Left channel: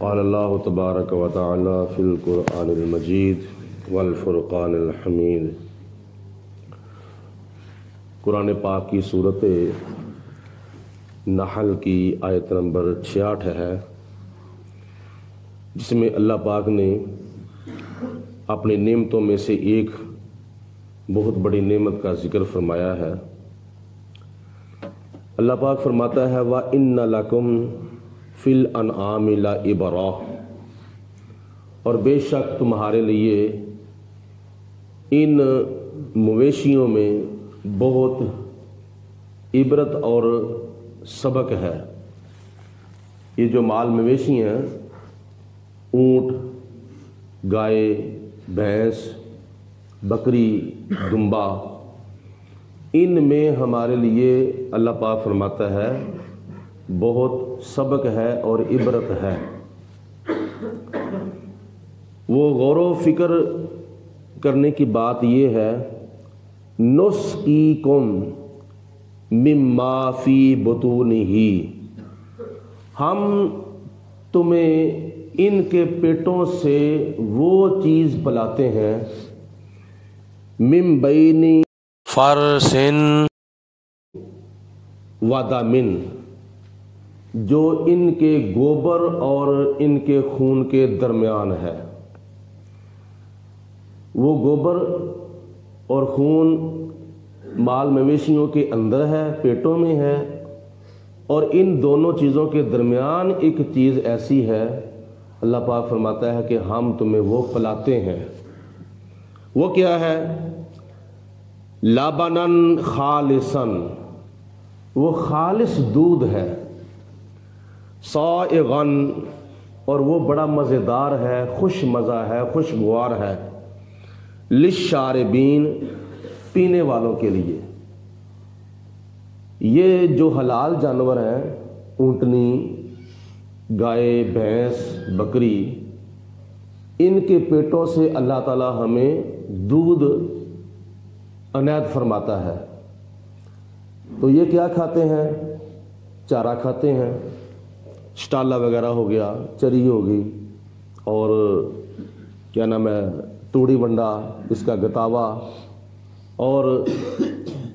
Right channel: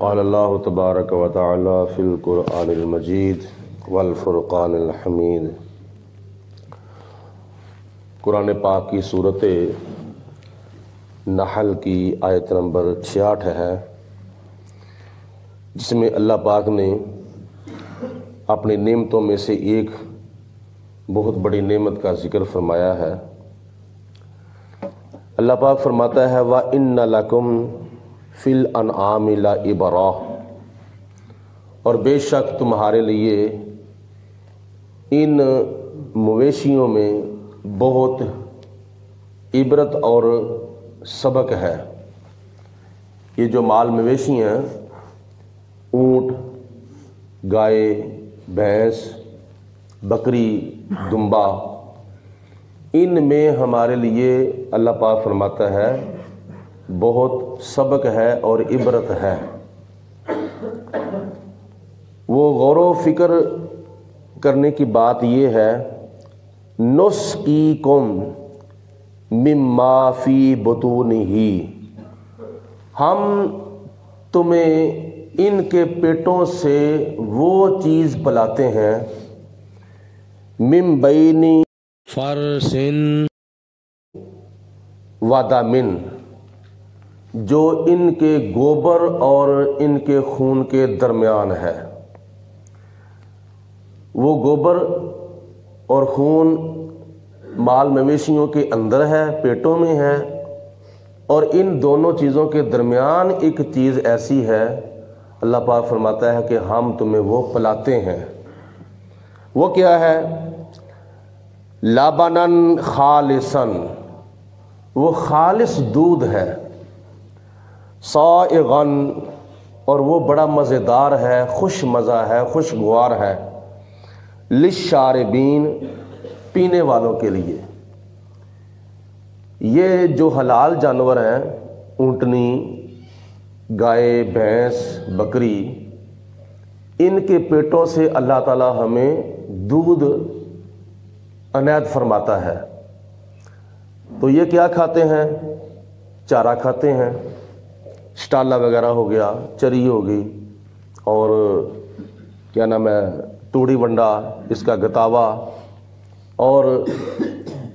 قال اللہ تبارک و تعالی فی القرآن المجید والفرقان الحمید۔ قرآن پاک کی صورت نحل کی آیت نمبر 66 ہے، جس میں اللہ پاک نے اپنی نعمتوں میں سے ایک بہت بڑی نعمت کا ذکر فرمایا ہے۔ اللہ پاک فرماتا ہے وَإِنَّ لَكُمْ فِي الْأَنْعَامِ لَعِبْرَةً، اور بے شک تمہارے لیے ان مویشیوں میں بہت عبرت اور سبق ہے۔ یہ جو مال مویشی ہیں، اونٹ، گائے، بھینس، بکری، دمبا، ان میں ہمارے لیے اللہ پاک فرماتا ہے بہت سبق ہے اور عبرت ہے۔ وہ غور و فکر کرنے کی بات یہ ہے، نسقیکم مما فی بطونہ، ہم تمہیں ان کے پیٹوں سے وہ چیز پلاتے ہیں، من بین فرث و دم، جو ان کے گوبر اور ان کے خون کے درمیان ہے۔ وہ گوبر اور خون مال مویشیوں کے اندر ہے، پیٹوں میں ہے، اور ان دونوں چیزوں کے درمیان ایک چیز ایسی ہے، اللہ پاک فرماتا ہے کہ ہم تمہیں وہ پلاتے ہیں۔ وہ کیا ہے؟ لبنن خالصن، وہ خالص دودھ ہے، سائغن، اور وہ بڑا مزیدار ہے، خوش مزہ ہے، خوشگوار ہے، للشاربین، پینے والوں کے لیے۔ یہ جو حلال جانور ہیں، اونٹنی، گائے، بھینس، بکری، ان کے پیٹوں سے اللہ تعالی ہمیں دودھ عنایت فرماتا ہے۔ تو یہ کیا کھاتے ہیں؟ چارہ کھاتے ہیں، شٹالہ وغیرہ ہو گیا، چری ہوگی، اور کیا نام ہے، توڑی ونڈا، اس کا گتاوا، اور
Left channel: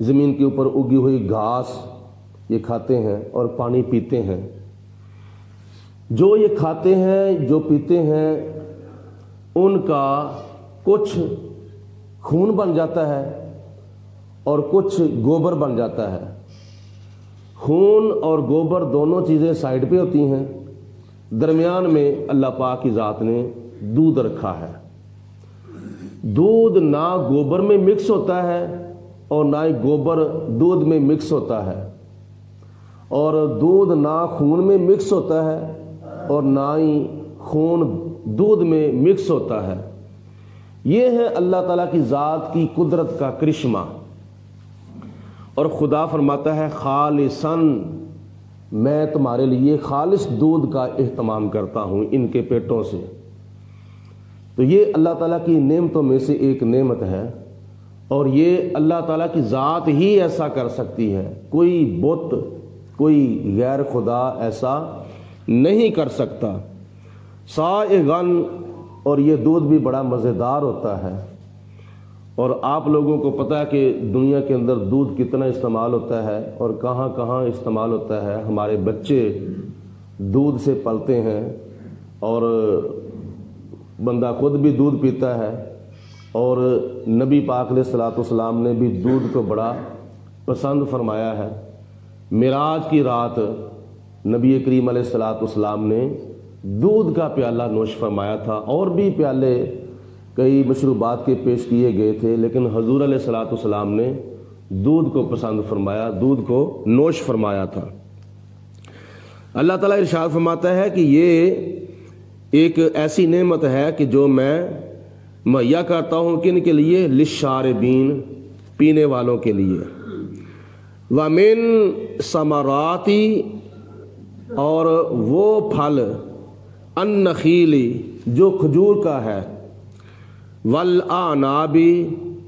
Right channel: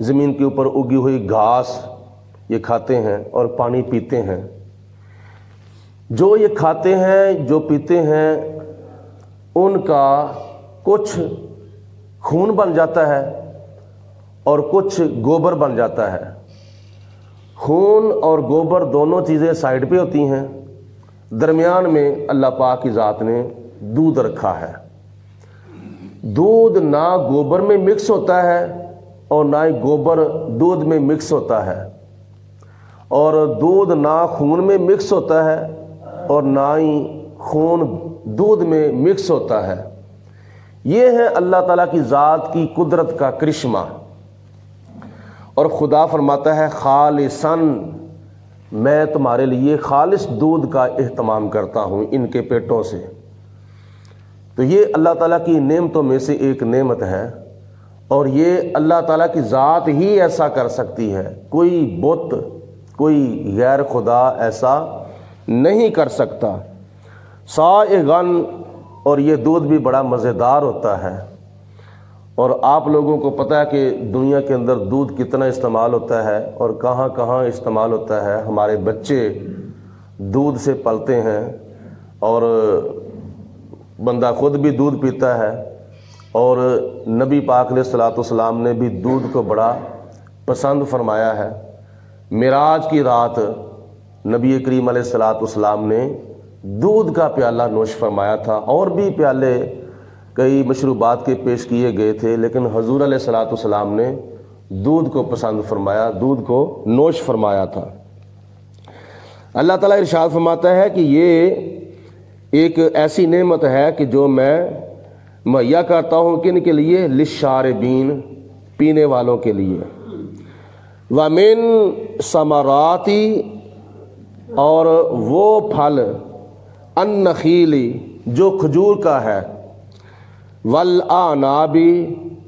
زمین کے اوپر اگی ہوئی گھاس، یہ کھاتے ہیں اور پانی پیتے ہیں۔ جو یہ کھاتے ہیں، جو پیتے ہیں، ان کا کچھ خون بن جاتا ہے اور کچھ گوبر بن جاتا ہے۔ خون اور گوبر دونوں چیزیں سائیڈ پہ ہوتی ہیں، درمیان میں اللہ پاک کی ذات نے دودھ رکھا ہے۔ دودھ نہ گوبر میں مکس ہوتا ہے اور نہ ہی گوبر دودھ میں مکس ہوتا ہے، اور دودھ نہ خون میں مکس ہوتا ہے اور نہ ہی خون دودھ میں مکس ہوتا ہے۔ یہ ہے اللہ تعالیٰ کی ذات کی قدرت کا کرشمہ۔ اور خدا فرماتا ہے خالصاً، میں تمہارے لیے خالص دودھ کا اہتمام کرتا ہوں ان کے پیٹوں سے۔ تو یہ اللہ تعالیٰ کی نعمتوں میں سے ایک نعمت ہے، اور یہ اللہ تعالیٰ کی ذات ہی ایسا کر سکتی ہے، کوئی بت، کوئی غیر خدا ایسا نہیں کر سکتا۔ سائغن، اور یہ دودھ بھی بڑا مزیدار ہوتا ہے۔ اور آپ لوگوں کو پتہ ہے کہ دنیا کے اندر دودھ کتنا استعمال ہوتا ہے اور کہاں کہاں استعمال ہوتا ہے۔ ہمارے بچے دودھ سے پلتے ہیں، اور بندہ خود بھی دودھ پیتا ہے، اور نبی پاک علیہ الصلوۃ والسلام نے بھی دودھ کو بڑا پسند فرمایا ہے۔ معراج کی رات نبی کریم علیہ الصلوۃ والسلام نے دودھ کا پیالہ نوش فرمایا تھا، اور بھی پیالے کئی مشروبات کے پیش کیے گئے تھے، لیکن حضور علیہ الصلوۃ والسلام نے دودھ کو پسند فرمایا، دودھ کو نوش فرمایا تھا۔ اللہ تعالیٰ ارشاد فرماتا ہے کہ یہ ایک ایسی نعمت ہے کہ جو میں مہیا کرتا ہوں کن کے لیے؟ للشاربین، پینے والوں کے لیے۔ وَمِن ثمراتی، اور وہ پھل، النخیل، جو کھجور کا ہے، والاعناب،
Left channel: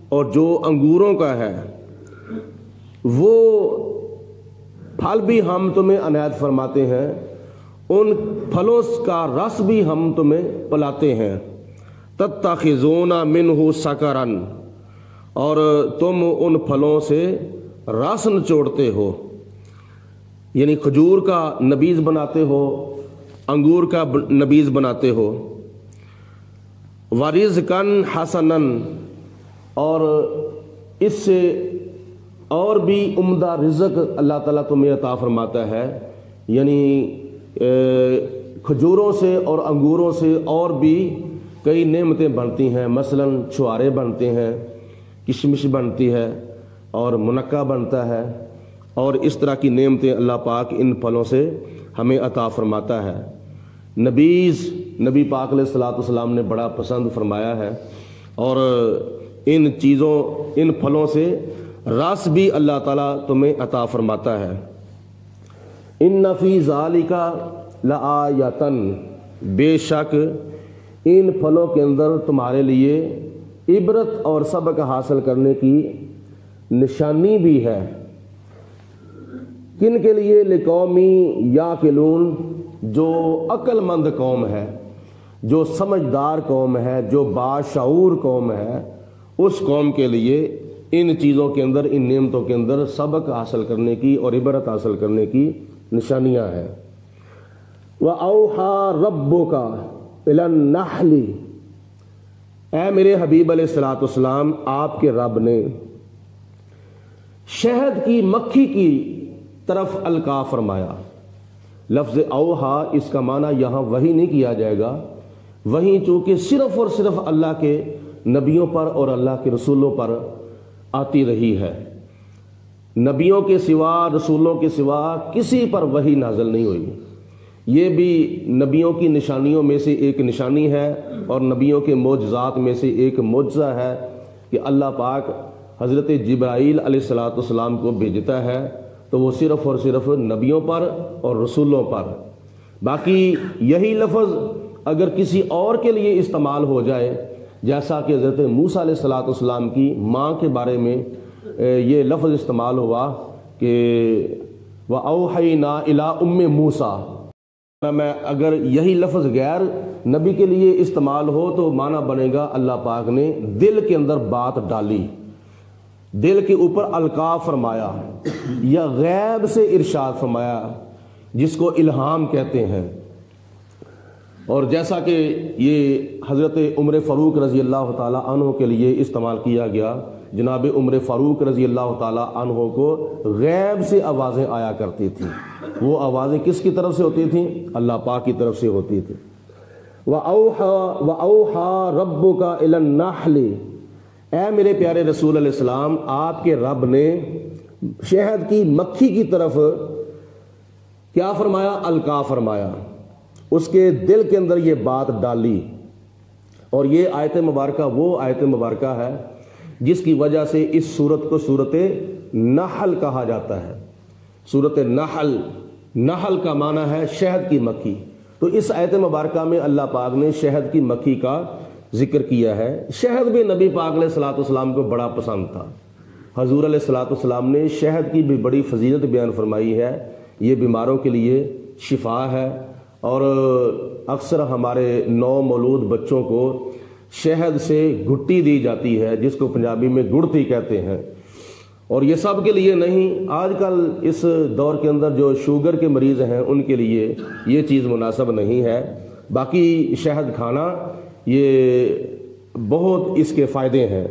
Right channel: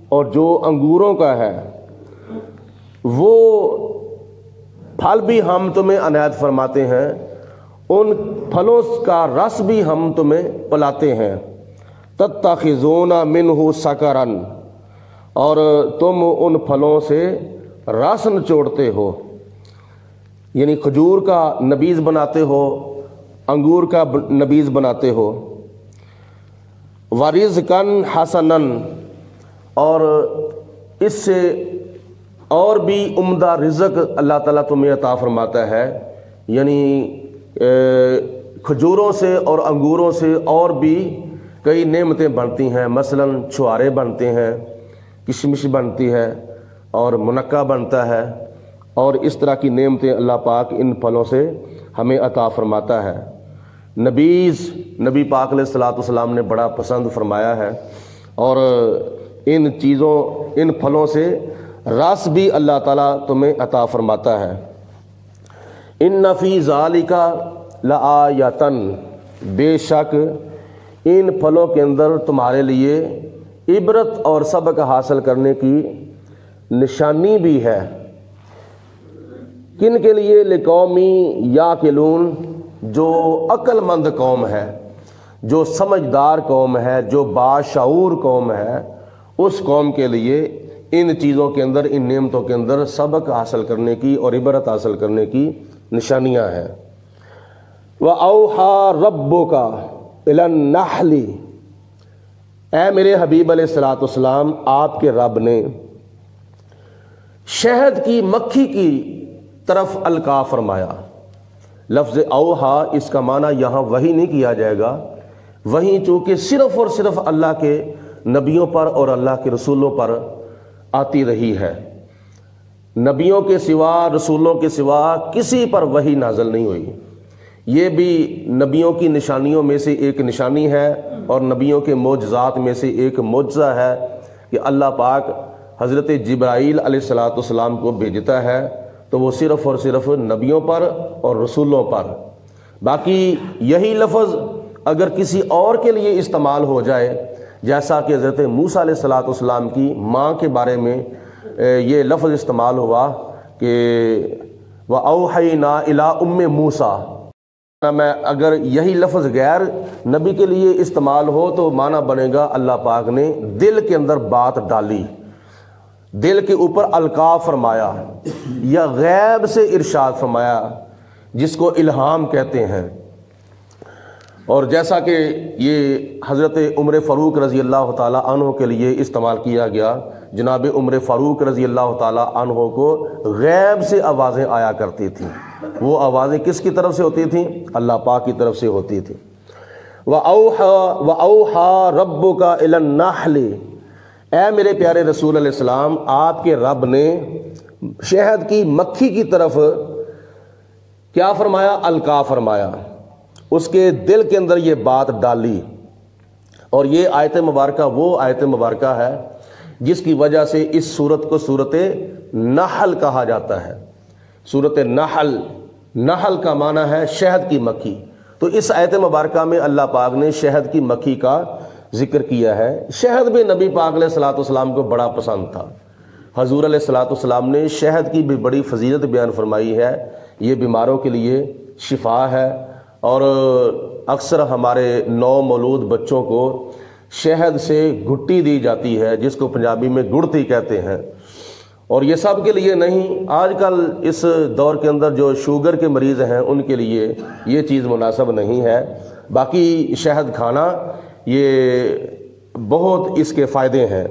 اور جو انگوروں کا ہے، وہ پھل بھی ہم تمہیں عنایت فرماتے ہیں، ان پھلوں کا رس بھی ہم تمہیں پلاتے ہیں، تتخذون منہ سکرن، اور تم ان پھلوں سے رس نچوڑتے ہو، یعنی کھجور کا نبیذ بناتے ہو، انگور کا نبیذ بناتے ہو، ورزقن حسنن، اور اس سے اور بھی عمدہ رزق اللہ تعالیٰ تمہیں عطا فرماتا ہے، یعنی کھجوروں سے اور انگوروں سے اور بھی کئی نعمتیں بنتی ہیں، مثلا چھوارے بنتے ہیں، کشمش بنتی ہے اور منقع بنتا ہے، اور اس طرح کی نعمتیں اللہ پاک ان پھلوں سے ہمیں عطا فرماتا ہے۔ نبیذ نبی پاک علیہ الصلوۃ والسلام نے بڑا پسند فرمایا ہے، اور ان چیزوں ان پھلوں سے رس بھی اللہ تعالیٰ تمہیں عطا فرماتا ہے۔ ان فی ذالک لآیۃ، بے شک ان پھلوں کے اندر تمہارے لیے عبرت اور سبق حاصل کرنے کی نشانی بھی ہے۔ کن کے لیے؟ لقومی یاقلون، جو عقل مند قوم ہے، جو سمجھدار قوم ہے، جو باشعور قوم ہے، اس قوم کے لیے ان چیزوں کے اندر، ان نعمتوں کے اندر سبق حاصل کرنے کی اور عبرت حاصل کرنے کی نشانیاں ہیں۔ وَأَوْحَى رَبُّكَ إِلَى النَّحْلِ، اے میرے حبیب علیہ الصلوۃ والسلام، آپ کے رب نے شہد کی مکھی کی طرف القاء فرمایا۔ لفظ اوحا اس کا معنی یہاں وحی نہیں کیا جائے گا، وحی چونکہ صرف اور صرف اللہ کے نبیوں پر اور اللہ کے رسولوں پر آتی رہی ہے، نبیوں کے سوا، رسولوں کے سوا کسی پر وحی نازل نہیں ہوئی۔ یہ بھی نبیوں کی نشانیوں میں سے ایک نشانی ہے، اور نبیوں کے معجزات میں سے ایک معجزہ ہے کہ اللہ پاک حضرت جبرائیل علیہ الصلوۃ والسلام کو بھیجتا ہے تو وہ صرف اور صرف نبیوں پر اور رسولوں پر۔ باقی یہی لفظ اگر کسی اور کے لیے استعمال ہو جائے، جیسا کہ حضرت موسیٰ علیہ الصلوۃ والسلام کی ماں کے بارے میں یہ لفظ استعمال ہوا کہ وَأَوْحَيْنَا إِلَىٰ أُمِّ مُوسَىٰ، میں اگر یہی لفظ غیر نبی کے لیے استعمال ہو تو معنی بنے گا اللہ پاک نے دل کے اندر بات ڈالی، دل کے اوپر القاء فرمایا، یا غیب سے ارشاد فرمایا، جس کو الہام کہتے ہیں۔ اور جیسا کہ یہ حضرت عمر فاروق رضی اللہ تعالیٰ عنہ کے لیے استعمال کیا گیا، جناب عمر فاروق رضی اللہ تعالیٰ عنہ کو غیب سے آوازیں آیا کرتی تھیں۔ وہ آوازیں کس کی طرف سے ہوتی تھیں؟ اللہ پاک کی طرف سے ہوتی تھیں۔ وَأَوْحَى رَبُّكَ إِلَى النَّحْلِ، اے میرے پیارے رسول علیہ السلام، آپ کے رب نے شہد کی مکھی کی طرف کیا فرمایا؟ القاء فرمایا، اس کے دل کے اندر یہ بات ڈالی۔ اور یہ آیت مبارکہ وہ آیت مبارکہ ہے جس کی وجہ سے اس سورت کو سورت نحل کہا جاتا ہے۔ سورت نحل، نحل کا معنی ہے شہد کی مکھی، تو اس آیت مبارکہ میں اللہ پاک نے شہد کی مکھی کا ذکر کیا ہے۔ شہد بھی نبی پاک علیہ الصلوۃ والسلام کو بڑا پسند تھا۔ حضور علیہ الصلوۃ والسلام نے شہد کی بھی بڑی فضیلت بیان فرمائی ہے، یہ بیماروں کے لیے شفا ہے، اور اکثر ہمارے نو مولود بچوں کو شہد سے گھٹی دی جاتی ہے، جس کو پنجابی میں گڑتی کہتے ہیں۔ اور یہ سب کے لیے نہیں، آج کل اس دور کے اندر جو شوگر کے مریض ہیں ان کے لیے یہ چیز مناسب نہیں ہے۔ باقی شہد کھانا یہ بہت اس کے فائدے ہیں،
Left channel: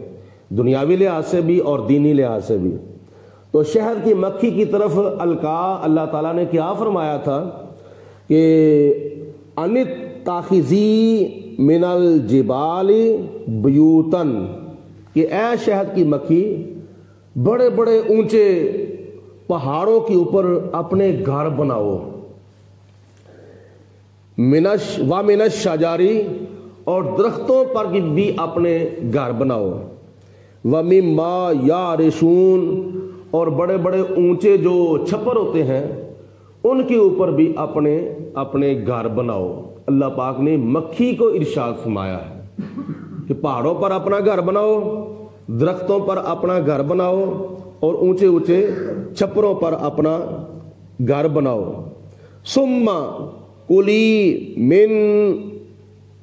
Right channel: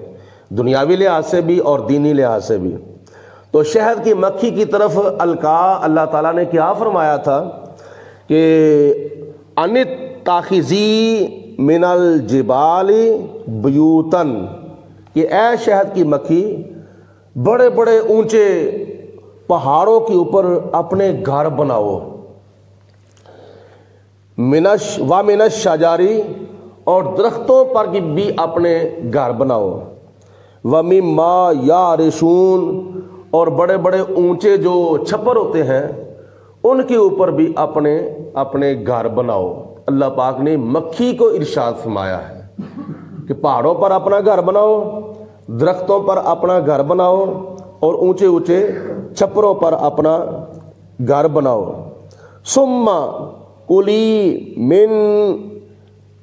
دنیاوی لحاظ سے بھی اور دینی لحاظ سے بھی۔ تو شہد کی مکھی کی طرف القاء اللہ تعالیٰ نے کیا فرمایا تھا کہ انت تاخذی من الجبال بیوتن، کہ اے شہد کی مکھی بڑے بڑے اونچے پہاڑوں کے اوپر اپنے گھر بناؤ، من الشجاری، اور درختوں پر بھی اپنے گھر بناؤ، ومما یعرشون، اور بڑے بڑے اونچے جو چھپر ہوتے ہیں ان کے اوپر بھی اپنے گھر بناؤ۔ اللہ پاک نے مکھی کو ارشاد فرمایا ہے کہ پہاڑوں پر اپنا گھر بناؤ، درختوں پر اپنا گھر بناؤ، اور اونچے اونچے چھپروں پر اپنا گھر بناؤ۔ ثم کلی من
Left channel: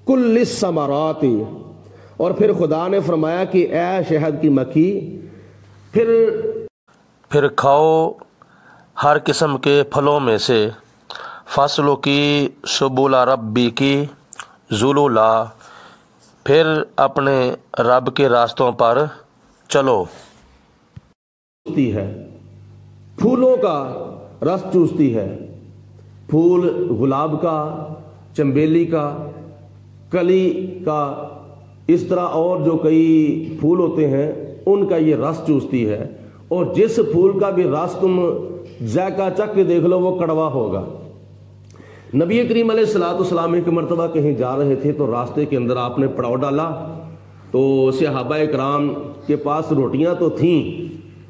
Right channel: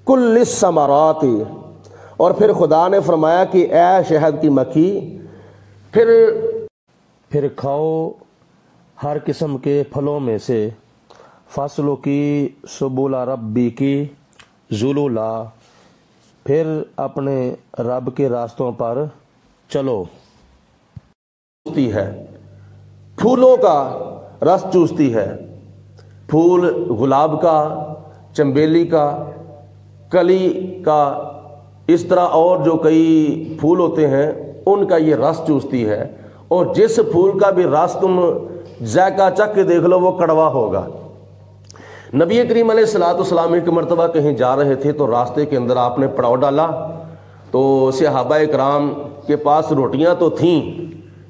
کل الثمرات، اور پھر خدا نے فرمایا کہ اے شہد کی مکھی پھر کھاؤ ہر قسم کے پھلوں میں سے، فصلوں کی سبل ربی کی ذللا، پھر اپنے رب کے راستوں پر چلو۔ چوستی ہے، پھولوں کا رس چوستی ہے، پھول گلاب کا، چنبیلی کا، کلی کا، اس طرح اور جو کئی پھول ہوتے ہیں ان کا یہ رس چوستی ہے، اور جس پھول کا بھی رس تم ذائقہ چکھ کے دیکھ لو وہ کڑوا ہوگا۔ نبی کریم علیہ الصلوۃ والسلام ایک مرتبہ کہیں جا رہے تھے تو راستے کے اندر آپ نے پڑاؤ ڈالا، تو صحابہ کرام کے پاس روٹیاں تو تھیں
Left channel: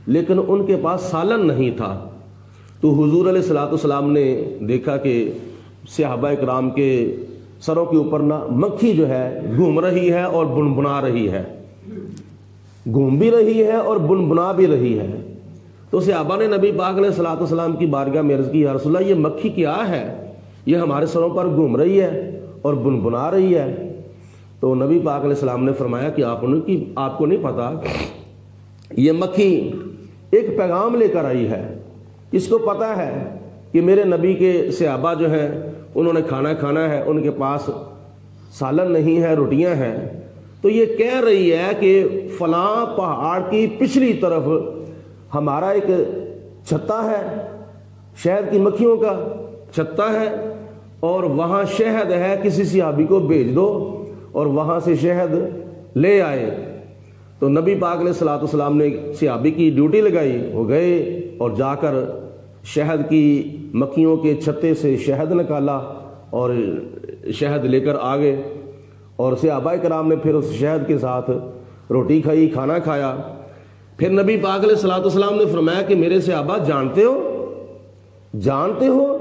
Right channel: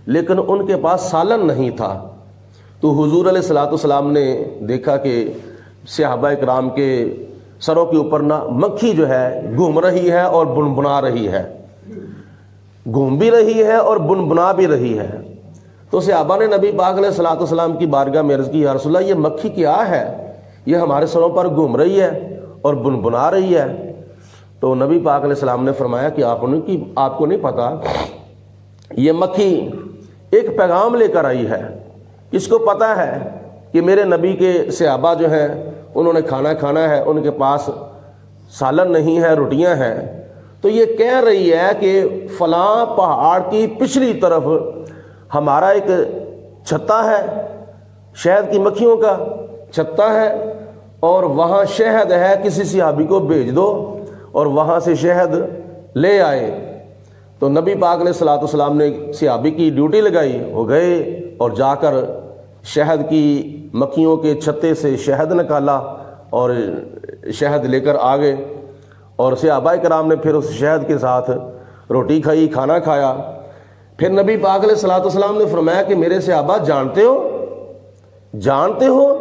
لیکن ان کے پاس سالن نہیں تھا، تو حضور علیہ الصلوۃ والسلام نے دیکھا کہ صحابہ کرام کے سروں کے اوپر نہ مکھی جو ہے گھوم رہی ہے اور بنبنا رہی ہے، گھوم بھی رہی ہے اور بنبنا بھی رہی ہے۔ تو صحابہ نے نبی پاک علیہ الصلوۃ والسلام کی بارگاہ میں عرض کی، یا رسول اللہ یہ مکھی کیا ہے، یہ ہمارے سروں پر گھوم رہی ہے اور بنبنا رہی ہے۔ تو نبی پاک علیہ السلام نے فرمایا کہ آپ کو نہیں پتا، یہ مکھی ایک پیغام لے کر آئی ہے، اس کو پتا ہے کہ میرے نبی کے صحابہ جو ہیں انہوں نے کھانا کھانا ہے، ان کے پاس سالن نہیں ہے، روٹیاں ہیں، تو یہ کہہ رہی ہے کہ فلاں پہاڑ کی پچھلی طرف ہمارا ایک چھتا ہے، شہد کی مکھیوں کا چھتا ہے، اور وہاں شہد ہے، کسی صحابی کو بھیج دو اور وہاں سے شہد لے آئے۔ تو نبی پاک علیہ الصلوۃ والسلام نے صحابی کی ڈیوٹی لگائی، وہ گئے اور جا کر شہد کی مکھیوں کے چھتے سے شہد نکالا اور شہد لے کر آ گئے، اور صحابہ کرام نے پھر اس شہد کے ساتھ روٹی کھائی، کھانا کھایا۔ پھر نبی پاک علیہ الصلوۃ والسلام نے فرمایا کہ میرے صحابہ جانتے ہو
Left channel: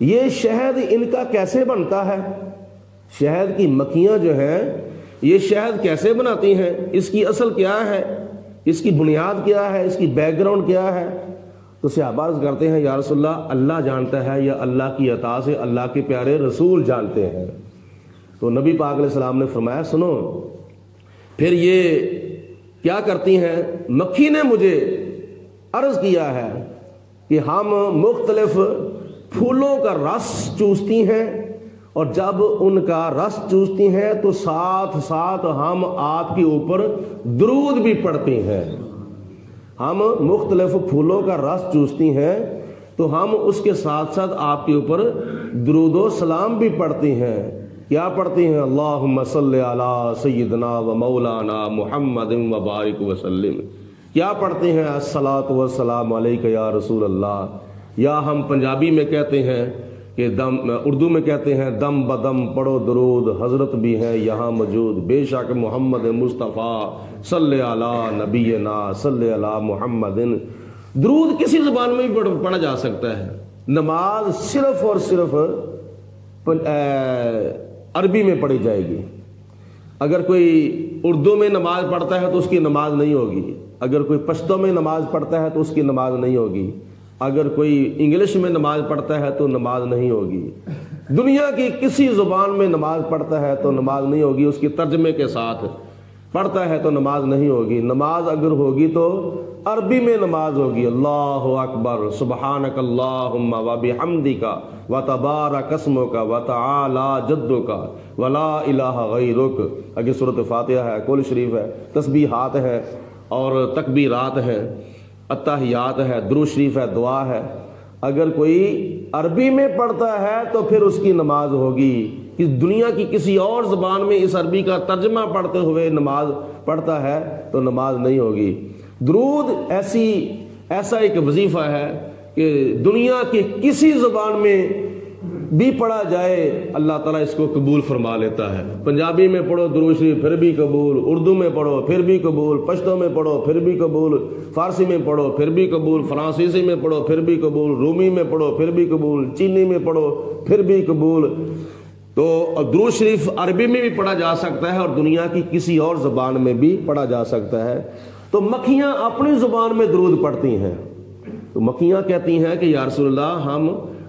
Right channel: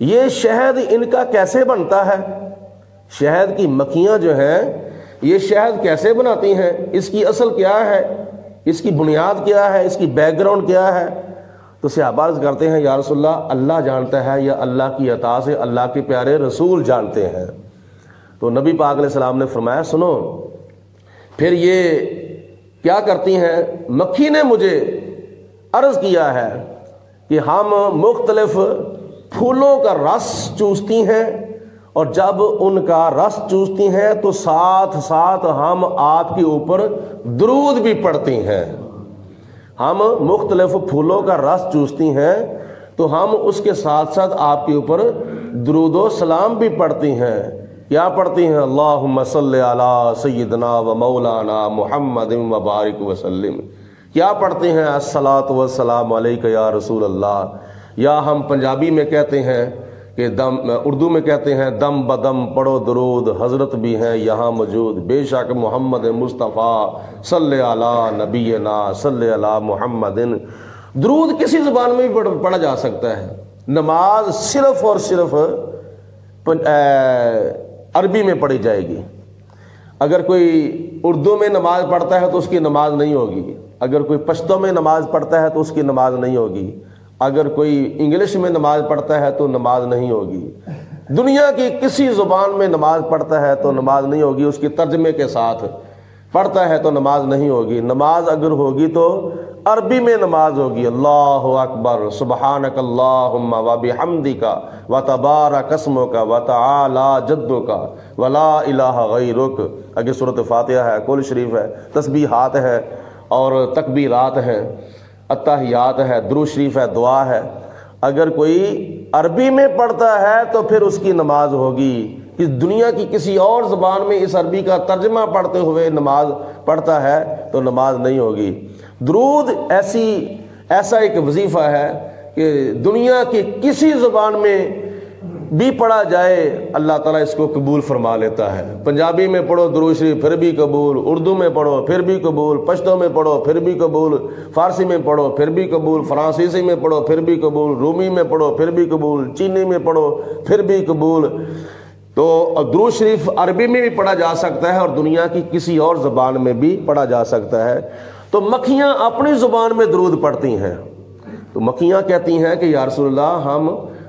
یہ شہد ان کا کیسے بنتا ہے، شہد کی مکھیاں جو ہیں یہ شہد کیسے بناتی ہیں، اس کی اصل کیا ہے، اس کی بنیاد کیا ہے، اس کی بیک گراؤنڈ کیا ہے؟ تو صحابہ عرض کرتے ہیں یا رسول اللہ اللہ جانتا ہے، یا اللہ کی عطا سے اللہ کے پیارے رسول جانتے ہیں۔ تو نبی پاک علیہ السلام نے فرمایا سنو، پھر یہ کیا کرتی ہیں، مکھی نے مجھے عرض کیا ہے کہ ہم مختلف پھولوں کا رس چوستی ہیں، اور جب ان کا رس چوستی ہیں تو ساتھ ساتھ ہم آپ کے اوپر درود بھی پڑھتی ہیں۔ ہم مختلف پھولوں کا رس چوستی ہیں تو ہم اس کے ساتھ ساتھ آپ کے اوپر درود و سلام بھی پڑھتی ہیں۔ کیا پڑھتی ہیں؟ اللہم صلی علی سیدنا و مولانا محمد و بارک وسلم۔ کیا پڑھتے ہیں؟ الصلاۃ والسلام علیک یا رسول اللہ، یا ہم پنجابی میں کہتے ہیں کہ اردو میں کہتے ہیں دم بدم پڑھو درود، حضرت بھی ہیں یہاں موجود، بے شک محمد مصطفیٰ صلی علی نبینا صلی علی محمد۔ درود کسی زبان میں بھی پڑھا جا سکتا ہے، نماز صرف اور صرف عربی میں پڑھی جائے گی۔ اگر کوئی اردو میں نماز پڑھتا ہے تو اس کی نماز نہیں ہوگی، اگر کوئی پشتو میں نماز پڑھتا ہے تو اس کی نماز نہیں ہوگی، اگر کوئی انگلش میں نماز پڑھتا ہے تو نماز نہیں ہوگی، دنیا کی کسی زبان میں نماز پڑھتا ہے تو نماز نہیں ہوگی، اس کی ترجمے کے ساتھ پڑھتا ہے تو نماز نہیں ہوگی۔ نماز اگر ہوگی تو عربی میں نماز ہوگی، اللہ اکبر سبحانک اللہم و بحمدک و تبارک اسمک و تعالی جدک و لا الہ غیرک۔ اگر سورۃ فاتحہ ہے، کل شریف ہے، تسبیحات ہے اور تکبیرات ہیں، اتحیات ہے، درود شریف ہے، دعا ہے۔ اگر کوئی عربی میں پڑھتا ہے تو پھر اس کی نماز ہوگی، اس دنیا کی کسی اور زبان میں اس عربی کا ترجمہ پڑھتے ہوئے نماز پڑھتا ہے تو نماز نہیں ہوگی۔ درود ایسا ایک وظیفہ ہے کہ دنیا کی کسی زبان میں بھی پڑھا جائے اللہ تعالیٰ اس کو قبول فرما لیتا ہے۔ پنجابی میں پڑھو درود شریف پھر بھی قبول، اردو میں پڑھو پھر بھی قبول، پشتو میں پڑھو پھر بھی قبول، فارسی میں پڑھو پھر بھی قبول، فرانسیسی میں پڑھو پھر بھی قبول، رومی میں پڑھو پھر بھی قبول، چینی میں پڑھو پھر بھی قبول۔ تو درود شریف عربی میں بھی پڑھا جا سکتا ہے اور دنیا کی کسی اور زبان میں بھی پڑھا جا سکتا ہے۔ تو مکھیاں اپنی زبان میں درود پڑھتی ہیں، تو مکھیاں کہتی ہیں کہ یا رسول اللہ ہم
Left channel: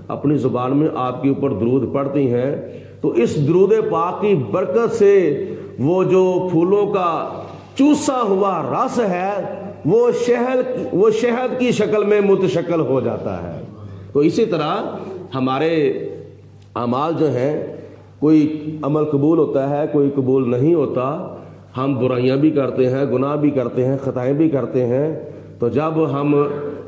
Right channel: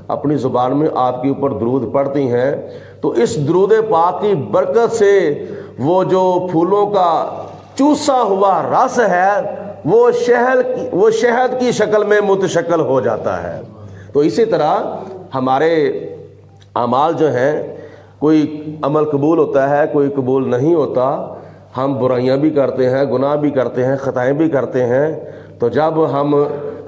اپنی زبان میں آپ کے اوپر درود پڑھتی ہیں تو اس درود پاک کی برکت سے وہ جو پھولوں کا چوسا ہوا رس ہے وہ شہد کی شکل میں متشکل ہو جاتا ہے۔ تو اسی طرح ہمارے اعمال جو ہیں، کوئی عمل قبول ہوتا ہے، کوئی قبول نہیں ہوتا، ہم برائیاں بھی کرتے ہیں، گناہ بھی کرتے ہیں، خطائیں بھی کرتے ہیں، تو جب ہم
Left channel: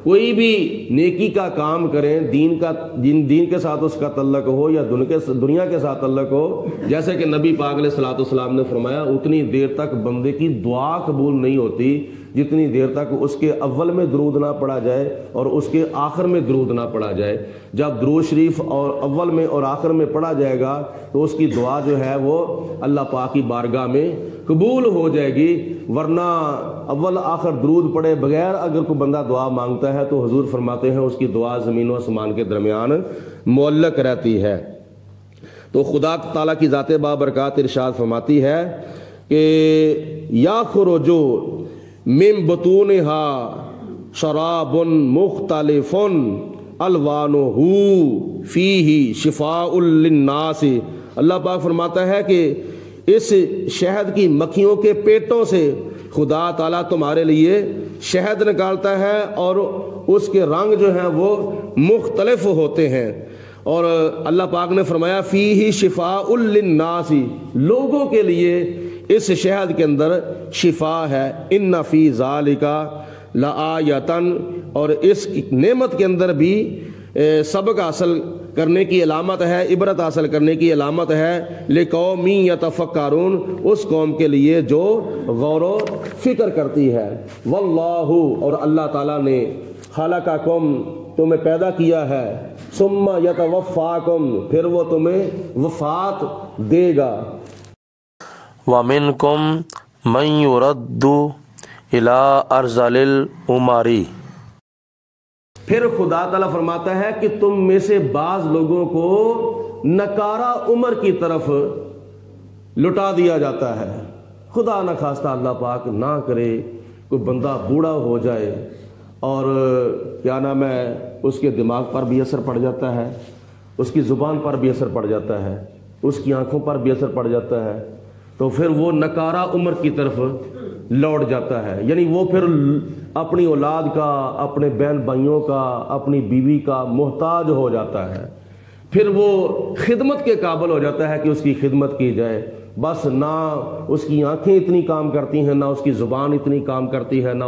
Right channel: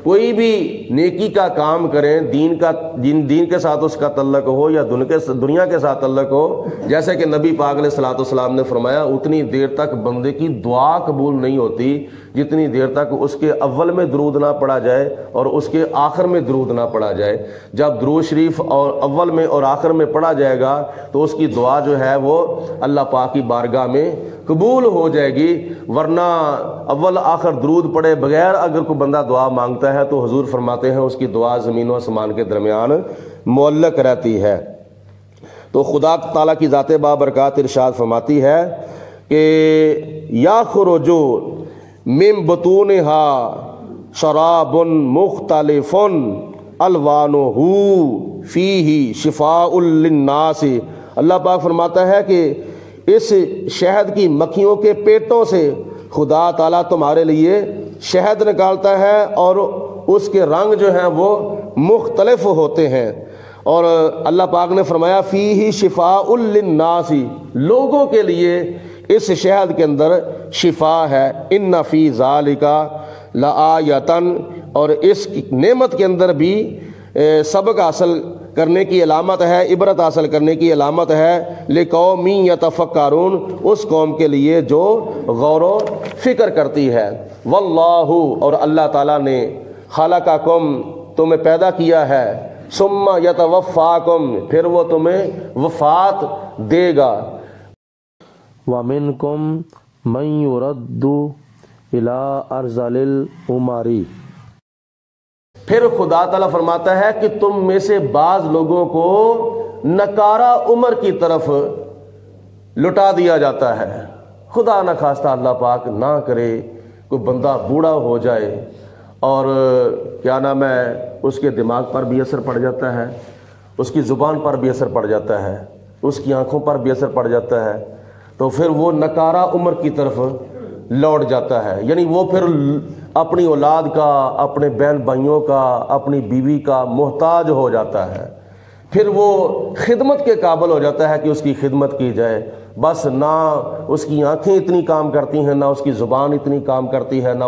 کوئی بھی نیکی کا کام کریں، دین کے ساتھ اس کا تعلق ہو یا دنیا کے ساتھ تعلق ہو، جیسے کہ نبی پاک علیہ الصلوۃ والسلام نے فرمایا اتنی دیر تک بندے کی دعا قبول نہیں ہوتی جتنی دیر تک اس کے اول میں درود نہ پڑھا جائے اور اس کے آخر میں درود نہ پڑھا جائے۔ جب درود شریف اور اول میں اور آخر میں پڑھا جائے گا تو اس کی دعا جو ہے وہ اللہ پاک کی بارگاہ میں قبول ہو جائے گی، ورنہ اول آخر درود پڑھے بغیر اگر کوئی بندہ دعا مانگتا ہے تو حضور فرماتے ہیں اس کی دعا زمین و آسمان کے درمیان معلق رہتی ہے۔ تو خدا تعالیٰ کی ذات بابرکات ارشاد فرماتی ہے کہ یخرج من بطونها شراب مختلف الوانہ فیہ شفاء للناس۔ اللہ پاک فرماتا ہے کہ اس شہد کی مکھیوں کے پیٹوں سے خدا تعالیٰ تمہارے لیے شہد نکالتا ہے اور اس کے رنگ جو ہیں وہ مختلف ہوتے ہیں، اور اللہ پاک نے فرمایا فیہ شفاء للناس، لوگوں کے لیے اس شہد کے اندر شفا ہے۔ ان فی ذالک لآیۃ، اور اس نعمت کے اندر بھی سبق حاصل کرنے کی علامت ہے، عبرت حاصل کرنے کی علامت ہے، لقوم یتفکرون، اس قوم کے لیے جو غور و فکر کرتی ہے۔ واللہ، اور اللہ تعالیٰ نے خلقکم، تمہیں پیدا کیا ہے، ثم یتوفاکم، پھر وہ تمہیں وفات دے گا۔ وَمِنْكُمْ مَنْ يُرَدُّ إِلَىٰ أَرْذَلِ الْعُمَرِ، پھر خدا تعالیٰ فرماتا ہے کہ تم میں سے بعض لوگوں کو نکارہ عمر کی طرف لٹا دیا جاتا ہے۔ خدا نہ خواستہ اللہ پاک نہ کرے کوئی بندہ بوڑھا ہو جائے اور کیا نام ہے اس کے دماغ پر بھی اثر پڑ جاتا ہے، اس کی زبان پر بھی اثر پڑ جاتا ہے، اس کی آنکھوں پر بھی اثر پڑ جاتا ہے، تو پھر وہ نکارہ عمر کی طرف لوٹ جاتا ہے، یعنی وہ پھر اپنی اولاد کا، اپنے بہن بھائیوں کا، اپنی بیوی کا محتاج ہو جاتا ہے، پھر وہ خدمت کے قابل ہو جاتا ہے کہ اس کی خدمت کی جائے، بس نہ اس کی آنکھیں اتنی کام کرتی ہیں، نہ اس کی زبان اتنی کام کرتی ہے، نہ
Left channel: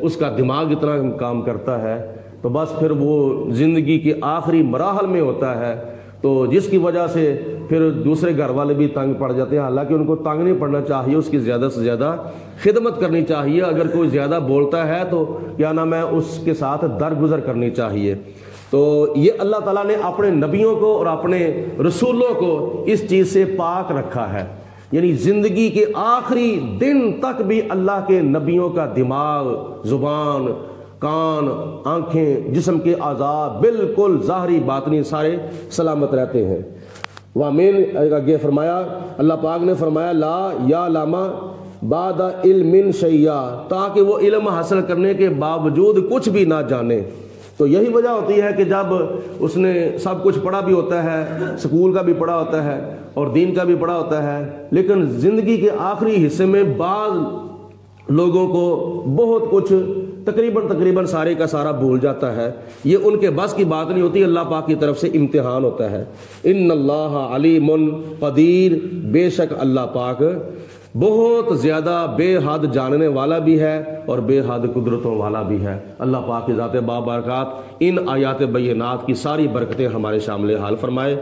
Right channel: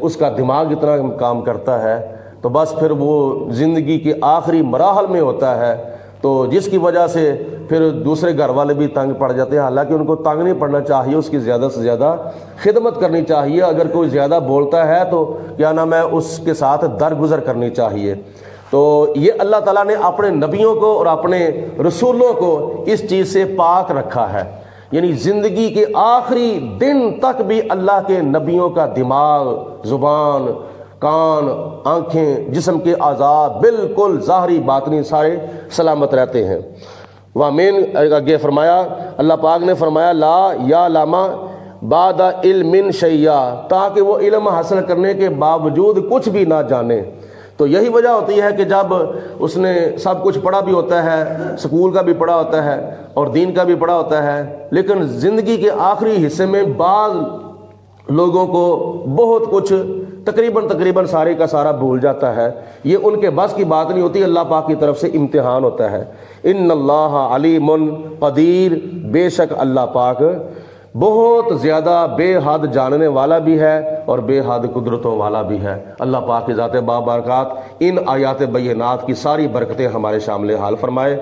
اس کا دماغ اتنا کام کرتا ہے، تو بس پھر وہ زندگی کے آخری مراحل میں ہوتا ہے، تو جس کی وجہ سے پھر دوسرے گھر والے بھی تنگ پڑ جاتے ہیں، حالانکہ ان کو تنگ نہیں پڑنا چاہیے، اس کی زیادہ سے زیادہ خدمت کرنی چاہیے، اگر کوئی زیادہ بولتا ہے تو کیا نام ہے اس کے ساتھ درگزر کرنی چاہیے۔ تو یہ اللہ تعالیٰ نے اپنے نبیوں کو اور اپنے رسولوں کو اس چیز سے پاک رکھا ہے، یعنی زندگی کے آخری دن تک بھی اللہ کے نبیوں کا دماغ، زبان، کان، آنکھیں، جسم کے اعضاء بالکل ظاہری باطنی سارے سلامت رہتے ہیں۔ وامین آگے فرمایا، اللہ پاک نے فرمایا لا یا لاما بعد علم شیئا، تاکہ وہ علم حاصل کرنے کے باوجود کچھ بھی نہ جانے۔ تو یہی وجہ ہوتی ہے کہ جب اس نے سب کچھ پڑھا بھی ہوتا ہے، سکول کا بھی پڑھا ہوتا ہے اور دین کا بھی پڑھا ہوتا ہے، لیکن زندگی کے آخری حصے میں بعض لوگوں کو بہت کچھ تقریباً سارے کا سارا بھول جاتا ہے، یہ ان کے بس کی بات نہیں ہوتی، اللہ پاک کی طرف سے امتحان ہوتا ہے۔ ان اللہ علیم قدیر، بے شک اللہ پاک بہت زیادہ بے حد جاننے والا بھی ہے اور بے حد قدرتوں والا بھی ہے۔ اللہ پاک کی ذات بابرکات ان آیات بینات کی ساری برکتیں ہمارے شامل حال فرمائے۔